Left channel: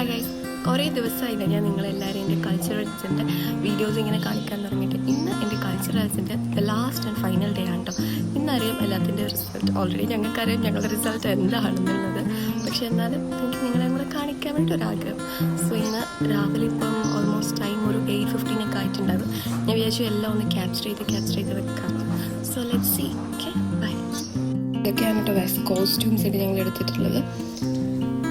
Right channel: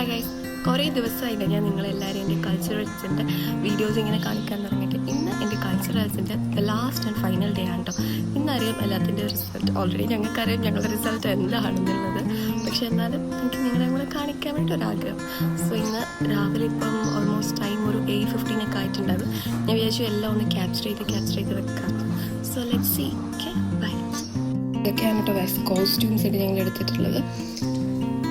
Hi guys, കുറേ ദിവസമായില്ല ഞാൻ നിങ്ങളെല്ലാവരും എൻ്റെ കൾച്ചറൽസിൻ്റെ വീഡിയോസ് ഇങ്ങനെ കാണിക്കാൻ തുടങ്ങിയിട്ട്. ഇന്ന് എൻ്റെ കൾച്ചറൽസിൻ്റെ ലാസ്റ്റ് ആൻഡ് ഫൈനൽ ഡേ ആണ് കേട്ടോ. ഇന്നറിയാം എല്ലാത്തിൻ്റെ റിസൾട്ട്. ഓൾറെഡി ഞങ്ങൾക്കറിയാം ഞങ്ങളുടെ റിസൾട്ട് എന്താണെന്നുള്ളത്, പക്ഷേ എന്നാലും എനിക്ക് നിങ്ങളെ കൂടെ കാണിക്കാൻ വേണ്ടി ഒരാഗ്രഹം. സോ ഇന്ന് രാവിലെ ഇപ്പം ഓൾമോസ്റ്റ് ടൈം ഒരു 8:15 ആയിട്ടുണ്ടാകും. ഞാൻ വിചാരിച്ചു എല്ലാം ഒന്ന് ക്യാപ്ചർ ചെയ്ത് വെക്കാം. So let's see. Okay, bye. ഇതൊക്കെയാണ് കേട്ടോ ഗൈസ് കോസ്റ്റ്യൂംസ് ഒക്കെ ഞങ്ങൾ എടുത്തിട്ടുള്ളത്.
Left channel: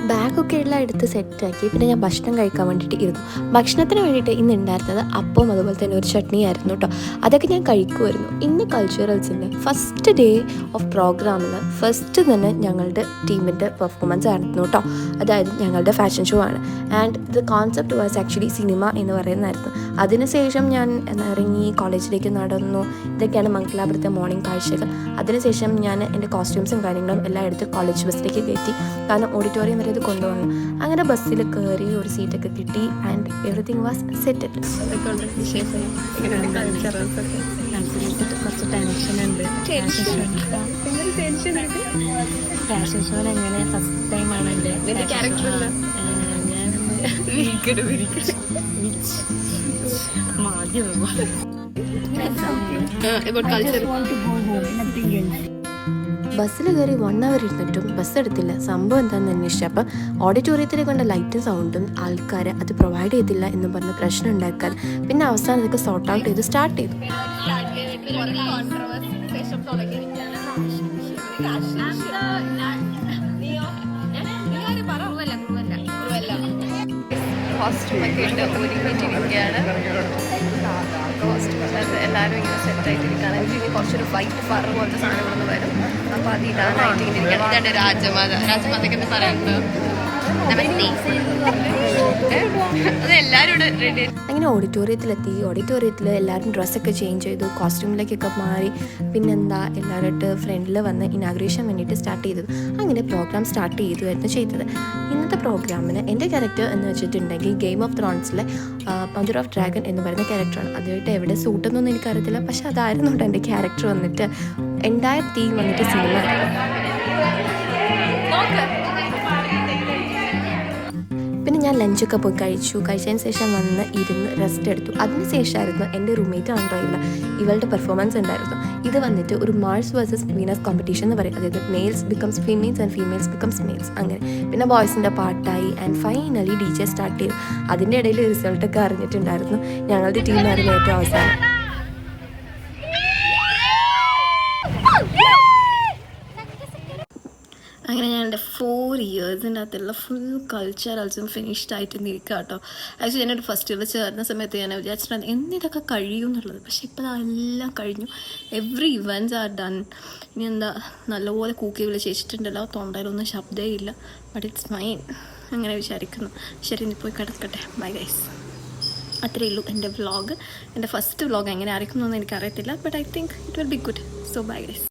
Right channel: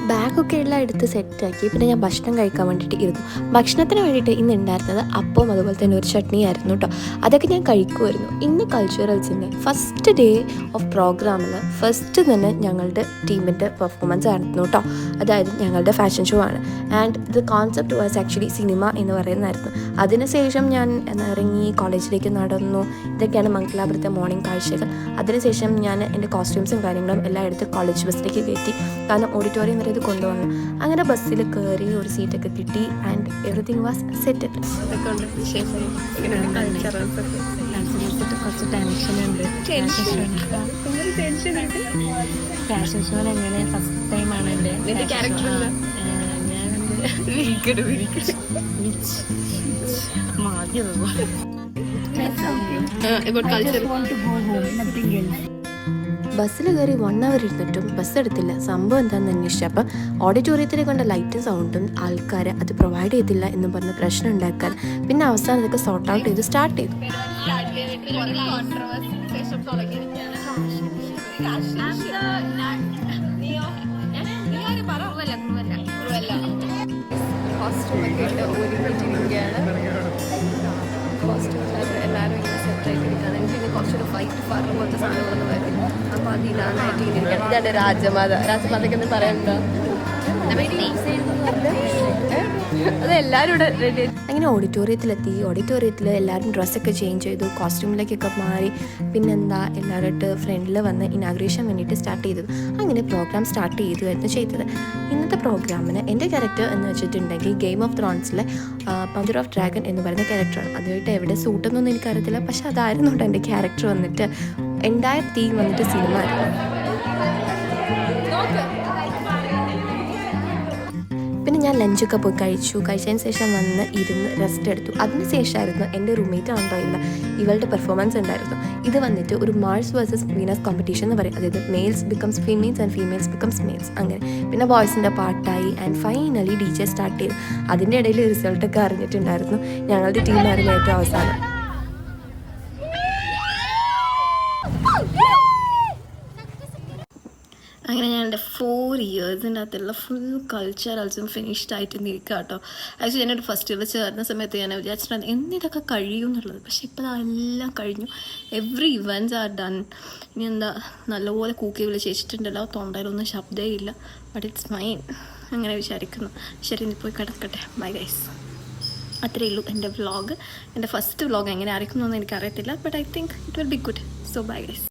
ബാഗൊക്കെ എല്ലാം എടുത്ത് സെറ്റാക്കി. പിന്നെ ഞാൻ ഭക്ഷണം കഴിക്കാൻ വേണ്ടിയിട്ട് ഇരുന്നു. ഭക്ഷണത്തിന് വേണ്ടിയിട്ട് ഇന്ന് ഉണ്ടായിരുന്നത് അപ്പവും അതുപോലെ തന്നെ ഒരു ചട്നി ആയിരുന്നു കേട്ടോ. അതൊക്കെ ഞാൻ കഴിക്കുമായിരുന്നു. ഇന്ന് കൾച്ചറൽസിൻ്റെ ഫസ്റ്റ് ഡേ ഓഫ് പ്രോഗ്രാമിൽ ഫസ്റ്റ് തന്നെ ഞങ്ങളുടെ ടീമിൻ്റെ പെർഫോമൻസ് ആയിരുന്നു കേട്ടോ. അതായത് ഞങ്ങളുടെ ഫാഷൻ ഷോ ആണ്. And the concept was actually cinema എന്ന് പറയുന്നതായിരുന്നു. അതിനുശേഷം ഞാൻ ഇറങ്ങി കോളേജിലേക്ക് നടന്നു. ഇതൊക്കെയാണ് മംഗലാപുരത്തെ മോർണിംഗ് കാഴ്ചകൾ. അതിനുശേഷം ഞാൻ എൻ്റെ കോസ്റ്റ്യൂംസും കാര്യങ്ങളും എല്ലാം എടുത്ത് കോളേജ് ബസ്സിലേക്ക് കയറ്റി. കാരണം ഓഡിറ്റോറിയം വരെ ഇത് കൊണ്ടുപോകണം. അങ്ങനെ ബസ്സിൽ കയറി ഒരു സീറ്റൊക്കെ കിട്ടി ആൻഡ് എവറിത്തിങ് വാസ് സെറ്റഡ്. കുറച്ച് ടെൻഷനുണ്ട്. ഫാഷൻ ഷോ എങ്ങനെ ഫസ്റ്റ് ടൈമാണ് എൻ്റെ ഞാനെന്ത് മാധ്യമ ബസ്സിൽ കയറി 1 hour ഇരുന്നിട്ടും ബസ് എടുത്തില്ല. സംഭവം എന്താണെന്ന് അന്വേഷിച്ചപ്പോൾ ഓഡിറ്റോറിയത്തിലെ കൊണ്ട് ലൈറ്റും സൗണ്ടും ആൾക്കാർ അത് പ്രൊവൈഡ് ചെയ്തില്ല എന്ന് പറഞ്ഞ് പ്രശ്നം ഉണ്ടാക്കാൻ. പിന്നെ അവസാനം ഇതൊക്കെ സോർട്ട് ഔട്ട് ചെയ്ത് സ്റ്റാർട്ട് ചെയ്തു. കോസ്റ്റ്യൂമൊക്കെ ഇട്ട് ഒരുങ്ങിയിട്ടിരിക്കുകയാണ്. കോസ്റ്റ്യൂമിനകത്ത് എല്ലാവരും ഇങ്ങനെ സെറ്റായിട്ടിരിക്കുകയാണ്. എനിക്ക് ഇനി കുറച്ചൊരു വൈറ്റ് ഫർ പോലത്തെ സാധനം ഇവിടെ നിന്ന് വരും. അപ്പോൾ അത് ഇടാനായിട്ട് ഇങ്ങനെ ഇരിക്കുകയാണ്. ഇതാണ് രാജമാതയ്ക്ക് എന്ന് പറയുമ്പോൾ അത് എല്ലാവരും ഇവിടെ റെഡി. അങ്ങനെ ഓഡിറ്റോറിയത്തിലെത്തി. ഓഡിറ്റോറിയത്തിൽ എല്ലാവരും ഡ്രസ്സൊക്കെ ചേഞ്ച് ചെയ്തു, കോസ്റ്റ്യൂമിലേക്കൊക്കെ മാറി. പിന്നെന്താ എല്ലാവരുമായിട്ട് ഫ്രണ്ടിൽ വന്ന് ഇനാഗ്രേഷൻ വേണ്ടിയിട്ട് സ്റ്റാർട്ട് ചെയ്തത്. അങ്ങനെ പ്രോഗ്രാം സ്റ്റാർട്ട് ചെയ്തുമായിരുന്നു ചെയ്തത്. ഇന്നത്തെ പ്രോഗ്രാമിന് എൻ്റെ ക്യാരക്ടർ എന്ന് വെച്ചിട്ടുണ്ടെങ്കിൽ ഗെയിം ഓഫ് ത്രോൺസിലെ മദർ ഓഫ് ഡ്രാഗൺ എന്ന് പറയുന്ന ക്യാരക്ടറാണ്. അതുമായിട്ട് എവിടെ സൂട്ടെന്നൊന്നും എനിക്കറിയത്തില്ല, പക്ഷെ അതായിരുന്നു കേട്ടോ എൻ്റെ ക്യാരക്ടർ വന്നിട്ട്. എൻ്റയർ തീം വന്നിട്ട് സിനിമ ആയിരുന്നു. പിന്നെ ഞാൻ ലഞ്ചൊക്കെ പോയി കഴിച്ചതിന് ശേഷം വന്ന് ഇരുന്ന് റെസ്റ്റ് എടുത്തു. അതിന് ശേഷമായിരുന്നു എൻ്റെ റൂംമേറ്റ് ആണോ ഇവളുടെ പെർഫോമൻസ് ഉണ്ടായിരുന്നു. ഇത് വന്നിട്ട് ഒരു മാർസ് വേഴ്സസ് വീനസ് കോമ്പറ്റീഷൻ എന്ന് പറയും. അതായത് males becomes females and females becomes males അങ്ങനെ. പിന്നെ ബോയ്സിൻ്റെ പാട്ടായി ആൻഡ് ഫൈനലി DJ സ്റ്റാർട്ട് ചെയ്തു. അതിൻ്റെ ഇടയിൽ റിസൾട്ടൊക്കെ അറിഞ്ഞിട്ടുണ്ടായിരുന്നു. ഞങ്ങളുടെ ടീമായിരുന്നു ഏറ്റവും അവസാനം. അങ്ങനെ ഞാൻ എൻ്റെ 4 ഇയേഴ്സിൻ്റെ അകത്തുള്ള ഫുൾ കൾച്ചറൽസും ഫിനിഷ്ഡ് ആയിട്ട് നിൽക്കുക കേട്ടോ. ആക്ച്വലി ഞാനൊരു ഫസ്റ്റ് ഇയറിൽ ചേർന്ന സമയത്ത് ഞാൻ വിചാരിച്ചിട്ടുണ്ട് എന്നിതൊക്കെ കഴിയും എന്നുള്ളത്. പക്ഷെ ഇപ്പോൾ അതെല്ലാം കഴിഞ്ഞു. Every events are done. ഇനി എന്താ നല്ലപോലെ കൂക്കി വിളിച്ചിട്ടുണ്ടല്ലോ, തൊണ്ടയിലൊന്നും ശബ്ദമേ ഇല്ല. ബട്ട് ഇറ്റ്സ് ഫൈൻ അങ്ങനെ വിചാരിക്കുന്നു. ശരി, ഇനി പോയി കിടക്കട്ടെ. Bye guys. അത്രയേ ഉള്ളൂ എൻ്റെ വ്ളോഗ്. എൻ്റെ ഫസ്റ്റ് വ്ളോഗ് എങ്ങനെ ആയിരിക്കും എന്നൊന്നും എനിക്കറിയത്തില്ല. But I think it will be good. So bye guys.